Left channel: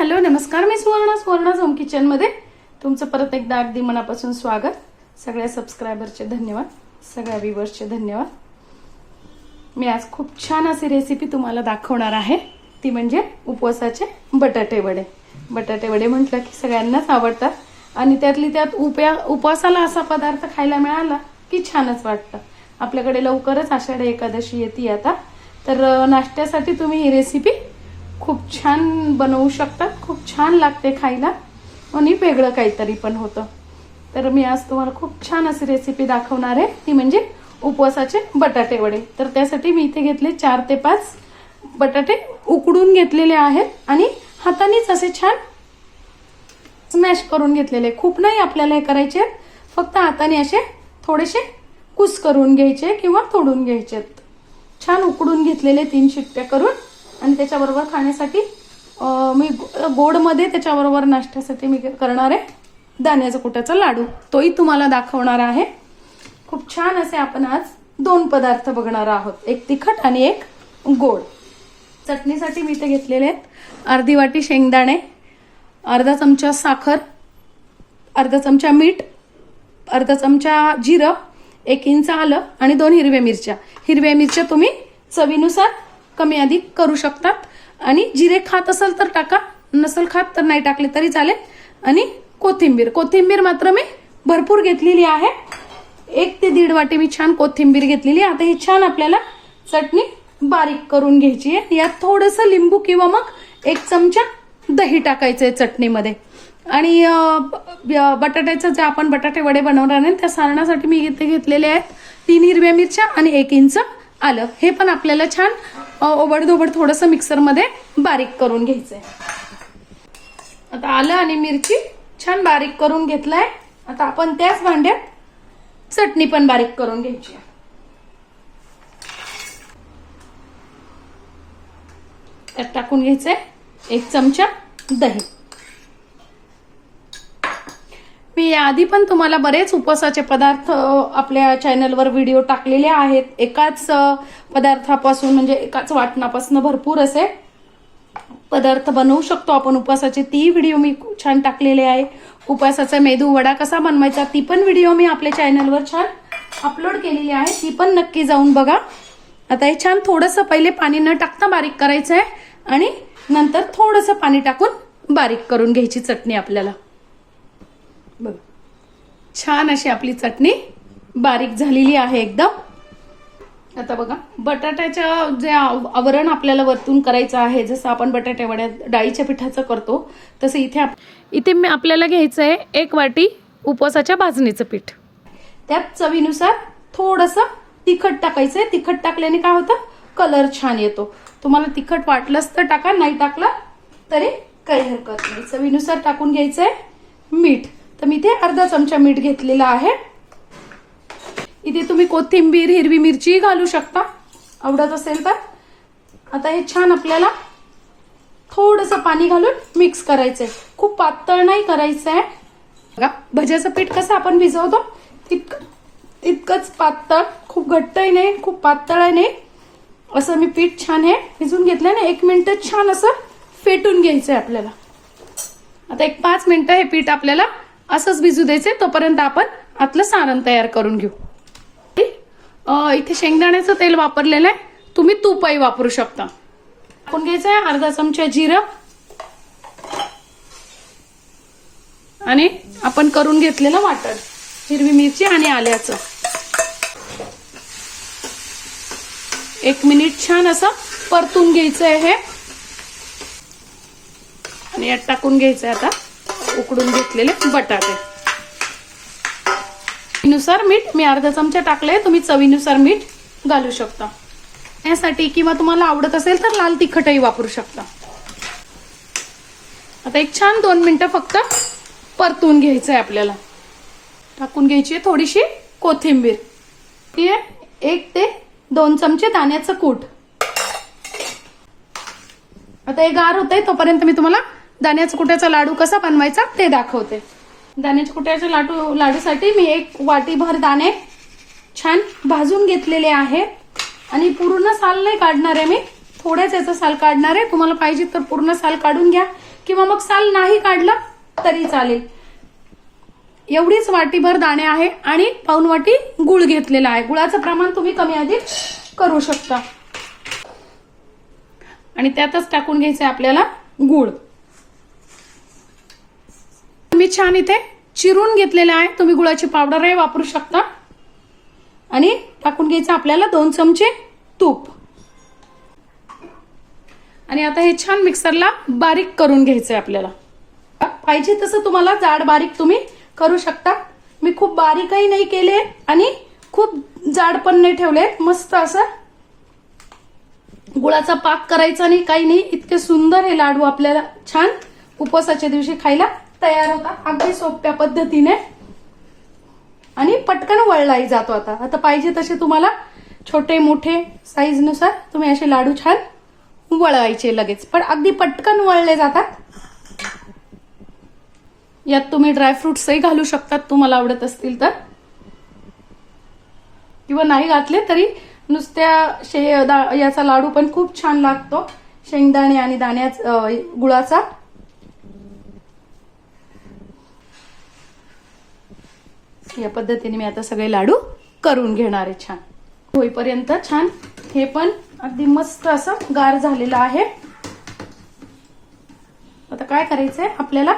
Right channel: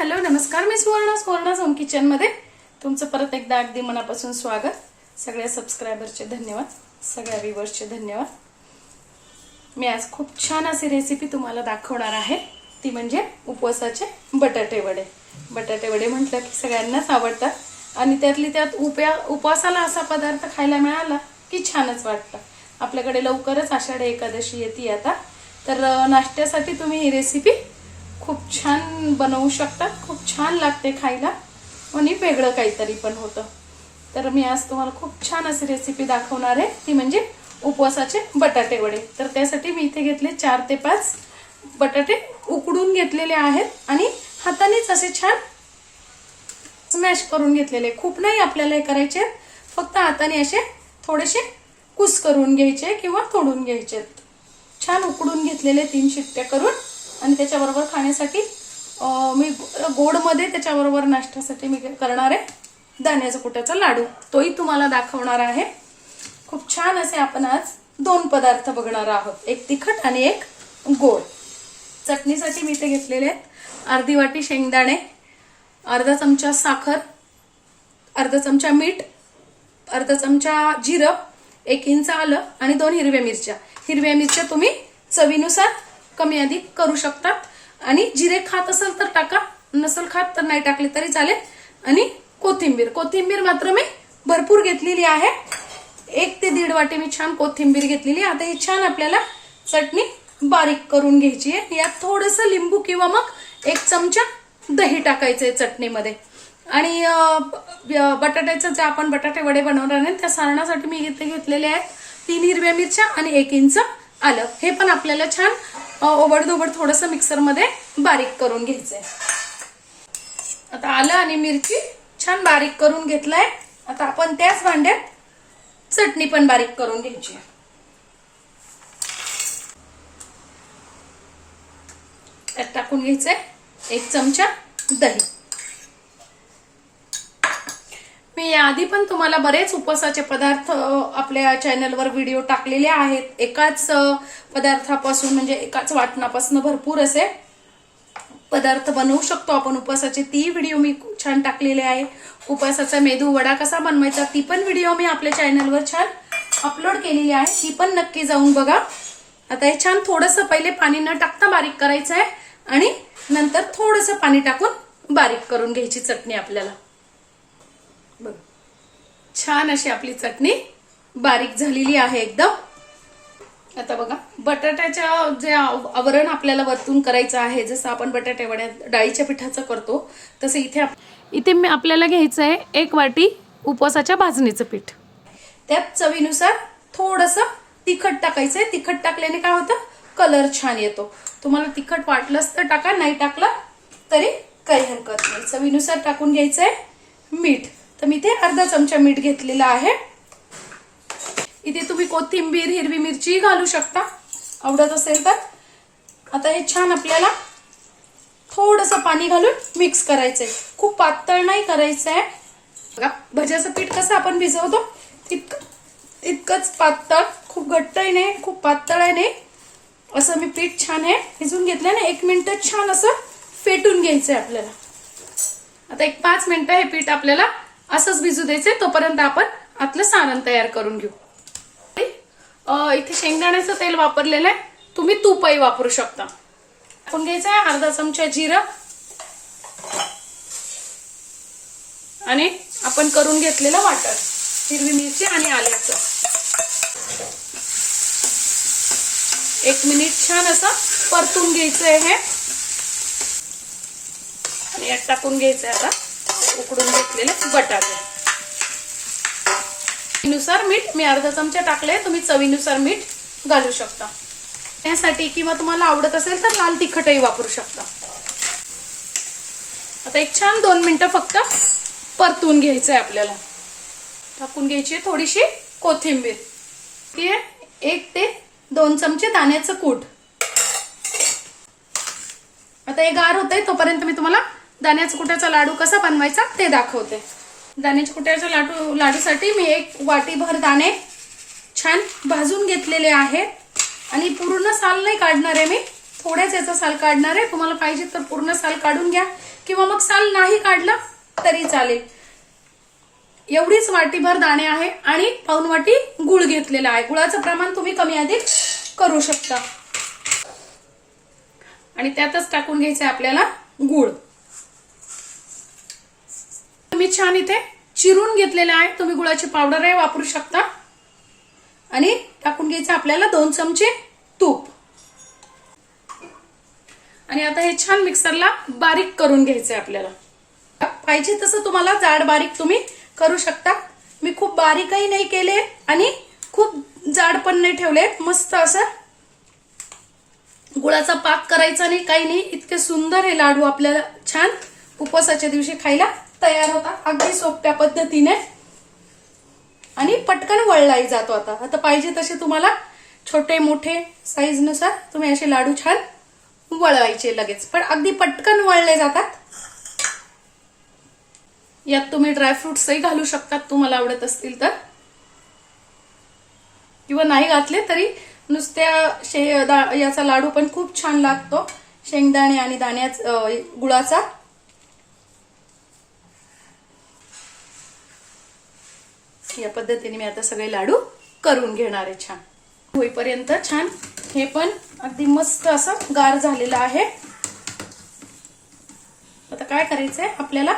Hello नमस्कार मी Suvarna Suvarna home किचनमध्ये तुमचं परत एकदा अगदी मनापासून स्वागत. सगळ्या सबस्क्रायबरचे धन्यवाद. सगळ्या व्ह्युअर्सचे धन्यवाद. मी आज खूप छान अशी रेसिपी तुम्हाला दाखवणार आहे. ती म्हणजे उपवासाचे बटाटे वडे बटाटे वडे म्हटलं की सगळ्यांनाच आवडतात. आणि त्यातली त्यात उपया उपवासाला असा पदार्थ खायला मिळाला की छानच वाटतं. आपल्याकडे लवकरच आषाढी एकादशी येते आता. तर नाश्त्यासाठी तुम्ही ही रेसिपी खूप छान बनवू शकतात खूप छान लागते खायला. आणि वेगळं काहीतरी पण होतं. तर मी आज तुम्हाला खूप छान अशी रेसिपी दाखवणार आहे. ती म्हणजे उपवासाचे बटाटे वडे. तर त्यासाठी मी इथे घेतले चार ते पाच बटाटे उकडून घेतलेले आहेत आणि हातानेच असे छान स्मॅश करून घेतलेले खूप नाही आपल्याला हे करायचे फक्त हाताने असे थोडेसे कुस करून घ्यायचे किंवा तोडून घ्यायचे छान उकडून घेतलेले तीन शिट्ट्या करून आणि त्याच्याबरोबर खाण्यासाठी मी गोडमध्ये त्याच्याबरोबर नाश्त्यासाठी मी करणार आहे दाण्याचा कुट्याचा लाडू. तोही तुम्हाला दाखवणार आहे. खूप छान असे आपण आज दोन पदार्थ बघणार आहोत. एक तिखट आणि एक गोड. चटणीसाठी मी इथे घेतलेले आहेत अर्धी वाटी शेंगदाणे अर्धा चमचा साखर अर्धा चमचा मीठ अर्धा चमचा जिरं एक इंच आलं आणि दोन हिरव्या मिरच्या. हिरव्या मिरच्या तुम्ही चवीनुसार कमी अधिक करू शकतात. आणि जिरे खात असेल तर टाका नसल खात तर नाही टाकले तरी चालेल. आणि कोथिंबीर कोथिंबीर मात्र मी भरपूर घेतलेली आहे. एक ते दीड वाटी मी छान कोथिंबीर घेतलेली आहे. आता ही छान आपल्याला चटणी बारीक करून घ्यायची आहे. यात थोडंसं लिंबू किंवा मग एक चमचा दही टाकायचं आहे चटणीमध्ये. आणि बटाट्याचं जे आपण बटाटे वडे बनवणार आहे त्या सारणासाठी मी इथे घेतलेले आहेत. तीन हिरव्या मिरच्या आणि एक इंच आलं. हे पण आपल्याला छान ओबडधोबड थोडंसं मिक्सरमध्ये बारीक करून घ्यायचंय. आता आलं आणि मिरची छान बारीक करून घेतलंय. आता आपण त्याच भांड्यात चटणी पण बारीक करून घ्यायची त्यात टाकून घ्यायचंय एक चमचा दही. मी आधी पण तुम्हाला बरेच उपवासाचे पदार्थ आपल्या चॅनलवर व्हिडिओ टाकलेले आहेत. एकाच पदार्थापासून म्हणजे एकाच वाटणापासून भरपूर असे पदार्थ बनवू शकतो आपण उपवासाचे. ती व्हिडिओ मी खूप छान टाकलेले आहे. उपवासाचा मेदू वडा कसा बनवायचा ती पण व्हिडिओ मी आपल्या चॅनलवर छान अपलोड केलेली आहे. ती पण नक्की जाऊन बघा. आता हे छान थोडंसं पहिले पाणी न टाकता बारीक करायचं आहे आणि नंतर थोडंसं पाणी टाकून बारीक करून घ्यायची चटणी आपल्याला. बघ. छान अशी आपली चटणी बारीक झालेली आहे एकदम. आता बघा बटाट्याच्या जे आव- आवरण आपल्याला वरतून करायचं आहे जसं आपण बटाटे डाळीच्या पिठाचं करतो तसं इथे इथे मी आपल्याला घ्यायचं आहे एक वाटी उपवासाच्या भाजणीचं पीठ. त्यात चवीनुसार थोडस तिखट टाकायचंय. तिखट टाकल्याने काय होतं? कलर छान येतो. तुम्हाला तिखट वाटलंच तर टाका नाही टाकलं तरी काही हरकत नाही. चवीनुसार टाकून घ्यायचंय मीठ. अर्धा चमचा मीठ घेतलेला आहे. इथे तुम्ही कोथिंबीर हिरवी मिरची घालू शकता. आवडत असेल तर. आता हे छान आपल्याला थोडस पाणी घालून मिक्स करायचंय. खूप पातळ नाही करायचंय. बघा भज्याचं पीठ कसं आपण भिजवतो? तितकं तितकंच पातळ. खूप घट्टही नाही खूप पातळही नाही. असं मी पीठ छान हे भिजून घेतलं ना एक मिनिट छान असं फेटून घ्यायचंय आपल्याला. आता एक पाच मिनिटं हे पीठ आपल्याला असंच भिजू द्यायचंय तोपर्यंत आपण आतलं सारण तयार करून घेऊ. इथे शेंगदाण्याचं तेल वापरलेलं आहे. तुम्ही तूपही वापरू शकता. आपण घ्यायचं आहे अर्धा चमचा जिरं. आणि आपण करून घेतलेलं वाटण हिरवी मिरची आणि आल्याचं. एक मिनिट छान असं परतून घ्यायचं आहे हे. आणि यात टाकून घ्यायचं आहे आता. उकडून घेतलेले बटाटे. नुसार मीठ मी अर्धा चमचा टाकले तुम्ही चवीनुसार मीठ घालू शकता. यासाठी किंवा तुम्हाला आवडत असेल तर लाल तिखटही वापरू शकता. आता एक छान दोन मिनिटं फक्त परतून घ्यायचंय आपल्याला. टाकून घ्यायची आहे थोडीशी कोथिंबीर. ठीक आहे एक ते दोन चमचे दाण्याचं कूट. आता हे गार होतंय तोपर्यंत मी तुम्हाला दाण्याचा कुट्याचा लाडू कसा बनवायचा ते दाखवते. दाण्याच्या कुट्याच्या लाडू लाडूसाठी मी एक वाटीभर दाणे छान भाजून घेतलेले आहे. आणि पूर्ण साल नाही काढणार आहे मी. थोड्याच याचा साल काढणार आहे. तुम्हाला पाहिजे तर पूर्ण साल काढून घ्या. किंवा मग साल नाही काढला तरी चालेल. एवढीच वाटीभर दाणे आहे आणि पाऊन वाटी गुळ घेतलेला आहे. गुळाचं प्रमाण तुम्ही कमी अधिक करू शकता. आणि त्यातच टाकून घ्यायचंय आपल्याला गुळ. मी छान इथे चिरून घेतलेला आहे. तुम्ही गुळाची पावडरही वापरू शकता. आणि टाकून घ्यायचं आपल्याला दोन चमचे तूप. आणि आता हे छान मिक्सरला बारीक करून घ्यायचंय आपल्याला. पाहिजे तसं तुम्हाला जाड बारीक तुम्ही करू शकता. मी खूप बारीकही नाही केले आणि खूप जाड पण नाही ठेवले. मस्त असं गुळाचा पाक करायचा नाही काही नाही. इतके सुंदर हे लाडू आपल्याला छान उपवासाच्या दिवशी खायला तयार होता. अगदी सोप्या पद्धतीने. आणि पटकन वळलाही जातो आता. आता पाहिजे तसे तुम्हाला छोटे मोठे साईजनुसार तुम्ही असे लाडू छान वळवायचे लगेच. पण अगदी पटकन वळले जातात. यात तुम्ही ड्रायफ्रुट्सही घालू शकतात तुम्हाला आवडत असतील तर. किंवा नाही घातले तरी नुसत्या शे दा- याचा लाडू पण खूप छान लागतो. शेंगदाणे आणि दाण्याचा गुळाचा. या पद्धतीने मी आता सगळे लाडू करून घेणार आहे छान. होईपर्यंत छान हे पण अगदी मस्त असं गार झालेलं आहे. आता काय करायचंय? आपल्याला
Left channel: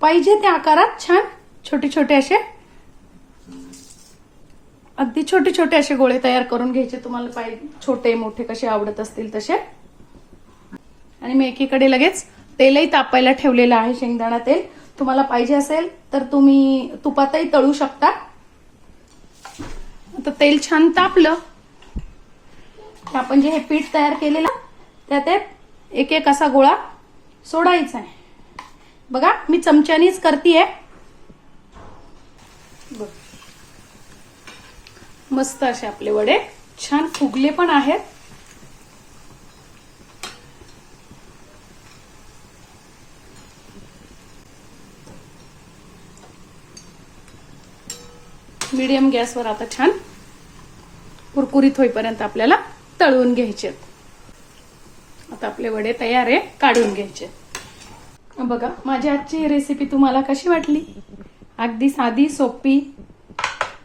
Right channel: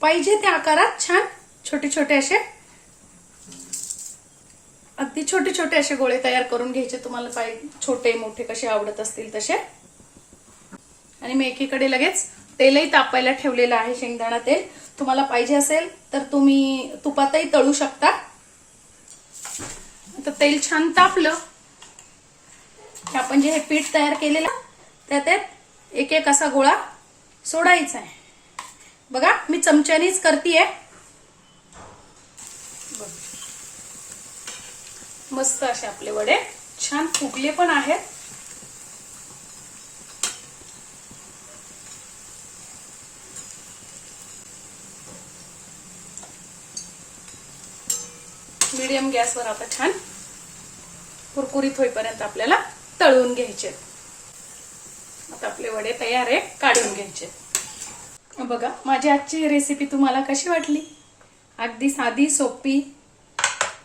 पाहिजे त्या आकारात छान छोटे छोटे असे अगदी छोटे छोटे असे गोळे तयार करून घ्यायचे. तुम्हाला पाहिजे छोटे मोठे कसे आवडत असतील तसे. आणि मी एकीकडे लगेच तेलही तापायला ठेवलेलं आहे शेंगदाणा तेल. तुम्हाला पाहिजे असेल तर तुम्ही तुपातही तळू शकता. आता तेल छान तापलं. आपण जे हे पीठ तयार केलेलं त्यात एक एक असा गोळा सोडायचा आहे. बघा मी चमच्यानीच करतीये. बघ. मस्त असे आपले वडे छान फुगले पण आहेत. मीडियम गॅसवर आता छान कुरकुरीत होईपर्यंत आपल्याला तळून घ्यायचे. आता आपले वडे तयार आहे काढून घ्यायचे. बघा माझी आजची रेसिपी तुम्हाला कशी वाटली? अगदी साधी सोपी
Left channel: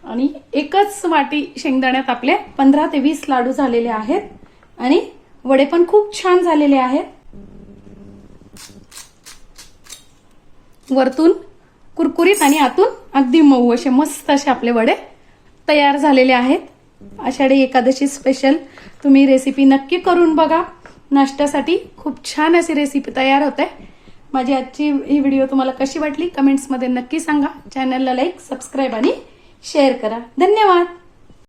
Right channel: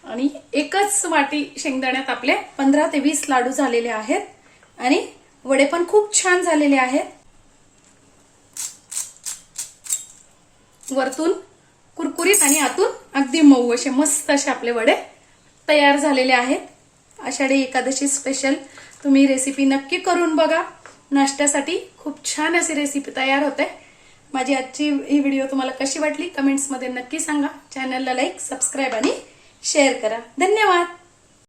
आणि एकच वाटी शेंगदाण्यात आपले पंधरा ते वीस लाडू झालेले आहेत आणि वडे पण खूप छान झालेले आहेत. वरतून कुरकुरीत आणि आतून अगदी मऊ असे मस्त असे आपले वडे तयार झालेले आहेत. आषाढी एकादशी स्पेशल तुम्ही रेसिपी नक्की करून बघा. नाश्त्यासाठी खूप छान अशी रेसिपी तयार होते. माझी आजची ही व्हिडिओ तुम्हाला कशी वाटली? कमेंट्समध्ये नक्की सांगा. चॅनलला लाईक सबस्क्राईब आणि शेअर करा. धन्यवाद!